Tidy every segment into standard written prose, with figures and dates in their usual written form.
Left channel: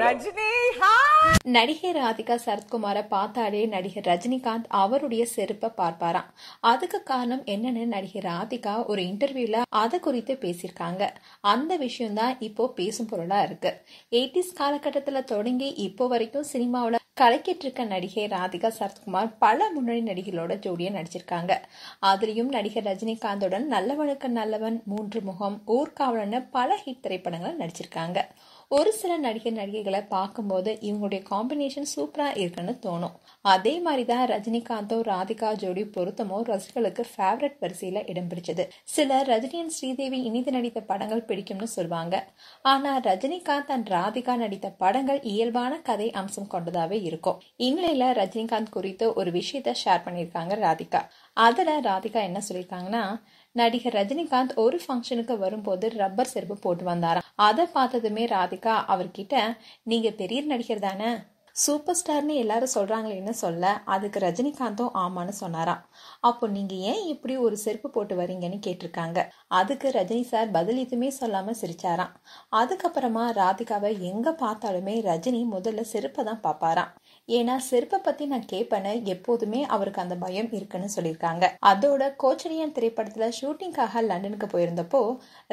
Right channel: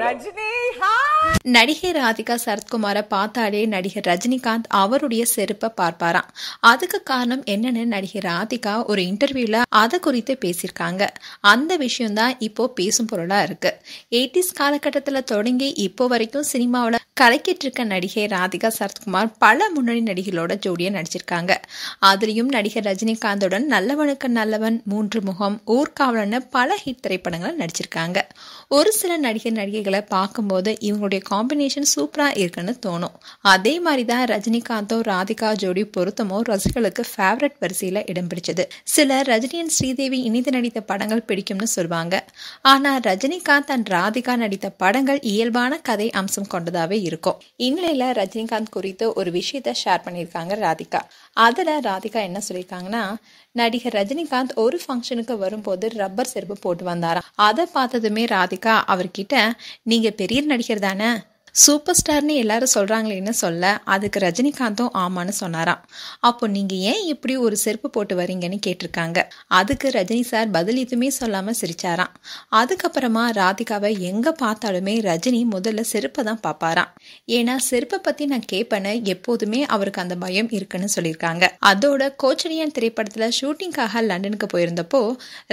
Rajini hi. நடிகை ராதிகா சரத்குமாரை பார்த்தாலே நடிகர் ரஜினிகாந்த் அவருடைய செருப்பை பார்ப்பாராம். அதுக்கு காரணம் என்னன்னு நடிகை ராதிகா ஒரு இன்டர்வியூல அதை குறித்து பேசியிருக்காங்க. அந்த விஷயம் தான் இப்போ பேசும் பொருளா இருக்கு. 80s காலகட்டத்தில் தொடங்கி இப்போ வரைக்கும் சினிமாவில் கலக்கிட்டு இருக்க நடிகை ராதிகா சரத்குமார் பல முன்னணி நடிகளோட ஜோடியா நடிச்சிருக்காங்க. அதுலயும் நடிகர் ரஜினிகாந்துடன் நல்லவனுக்கு நல்லவன், 3 முகம், ஊர்காவலன்னு பல ஹிட் திரைப்படங்களை நடிச்சிருக்காங்க. ஒரு சில நடிகைகளை பார்க்கும்போது இவங்களுடைய காம்பினேஷன் சூப்பரா இருக்குன்னு தோணும். அதே மாதிரிதான் ரஜினிகாந்தும் ராதிகா ஜோடி பொருத்தமோ ரசிகர்களுக்கு ஃபேவரட் வரிசையில இடம் பிடிச்சது. சிலர் ரஜினியன் ஸ்ரீதேவி இணைந்து நடித்த படங்கள் பிடிக்கும்னு சொல்லுவாங்க. ஆனா ரஜினிகாந்த் அண்ட் ராதிகா நடித்த படங்கள் இயல்பான கதை அம்சம் கொண்டதாவே இருக்கும். இந்நிலையில ரஜினிகாந்த் குறித்து ஒரு விஷயத்த ஷேர் பண்ணியிருக்காங்க ராதிகா. அதுல ராதிகா என்ன சொல்லியிருக்காங்கன்னா, நடிகர் ரஜினிகாந்த் ஒரு ஃபங்க்ஷனுக்கு வரும்போது ரப்பர் செருப்பு போட்டு வந்தாராம். அதை பார்த்ததுமே ராதிகா அவர்கிட்ட, நீங்க பெரிய நடிகர் தானே, சூப்பர் ஸ்டார்னு எல்லாரும் சொல்றாங்களேன்னு சொல்ல, அதுக்கு ரஜினிகாந்தும் ஆமான்னு சொன்னாராம். அப்போ நீங்க ஏன் இப்படி ஒரு செருப்பு போட்டு வரீங்கன்னு கேட்டிருக்காங்க. அதுக்கு ரஜினி சார் பதில் எதுவுமே சொல்லாம சிரிச்சாராம். அதுக்கப்புறமா ராதிகாவை எங்க பார்த்தாலுமே ரஜினி முதல்ல செருப்பை தான் பார்ப்பாராம். ஏன்னா செருப்பை பத்தி நான் கேட்பேன்னு எப்போதுமே அவருக்கு அந்த பயம் இருக்குன்னு சொல்லியிருக்காங்க. அதோட கோச்சலியன் திரைப்படத்துல ஷூட்டிங்காக லண்டனுக்கு போயிருந்தப்போ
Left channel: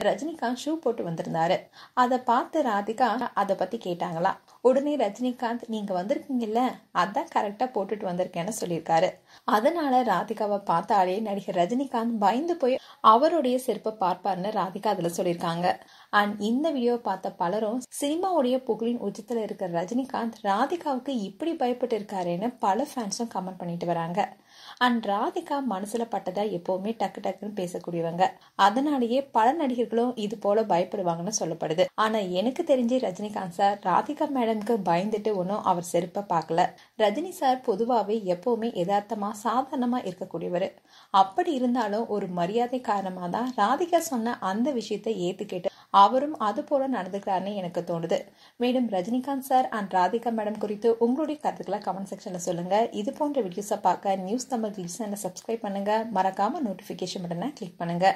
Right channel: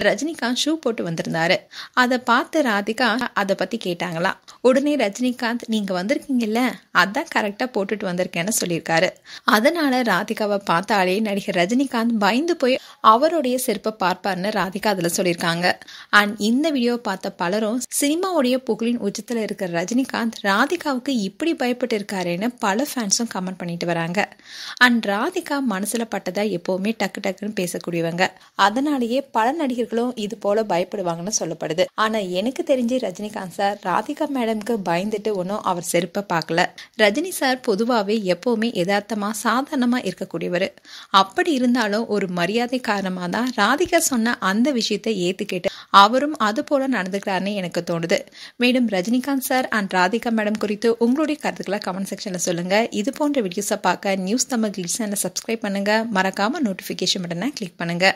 ரஜினிகாந்த் ஷூ போட்டு வந்திருந்தாரு. அதை பார்த்து ராதிகா அதை பத்தி கேட்டாங்களாம். உடனே ரஜினிகாந்த், நீங்க வந்திருக்கீங்கல்ல, அதான் கரெக்டா போட்டுட்டு வந்திருக்கேன்னு சொல்லியிருக்காரு. அதனால ராதிகாவை பார்த்தாலே நடிகர் ரஜினிகாந்த் பயந்து போய் அவருடைய செருப்பை பார்ப்பார்னு ராதிகா அதுல சொல்லியிருக்காங்க. அண்ட் இந்த வீடியோ பார்த்த பலரும் சினிமாவுடைய புகழின் உச்சத்துல இருக்கிற ரஜினிகாந்த் ராதிகாவுக்கு இப்படி பயப்பட்டு இருக்காருன்னு பல ஃபேன்ஸும் கமெண்ட் பண்ணிட்டு வராங்க. அண்ட் ராதிகா மனசுல பட்டதை எப்பவுமே டக்கு டக்குன்னு பேசக்கூடியவங்க. அதனாலேயே பல நடிகர்களும் இது போல பயப்படுவாங்கன்னு சொல்லப்படுது. ஆனா எனக்கு தெரிஞ்சு ரஜினிகாந்த் சார் ராதிகா மேடம்க்கு பயந்துட்டு ஒன்னும் அவர் செருப்பை பார்க்கல. ரஜினி சார் பொதுவாகவே எப்பவுமே யதார்த்தமா சாதாரணமா இருக்கக்கூடியவர். அப்படி இருந்தாலும் ஒரு மரியாதை காரணமா தான் ராதிகா சொன்ன அந்த விஷயத்தை ஏத்துக்கிட்டு அவரும் அது போல நடந்துக்கிறாருன்னு எனக்கு தோணுது. மேலும் Rajinikanth sir and Radhika madam குறித்து உங்களுடைய கருத்துக்களை கமெண்ட் செக்ஷன்ல சொல்லுங்க. இது போன்ற வீடியோஸை பார்க்க நியூஸ் தமிழ் கிளிட்ஸ் சேனலை சப்ஸ்கிரைப் பண்ணுங்க. மறக்காம நோட்டிபிகேஷன் பட்டனை கிளிக் பண்ணுங்க.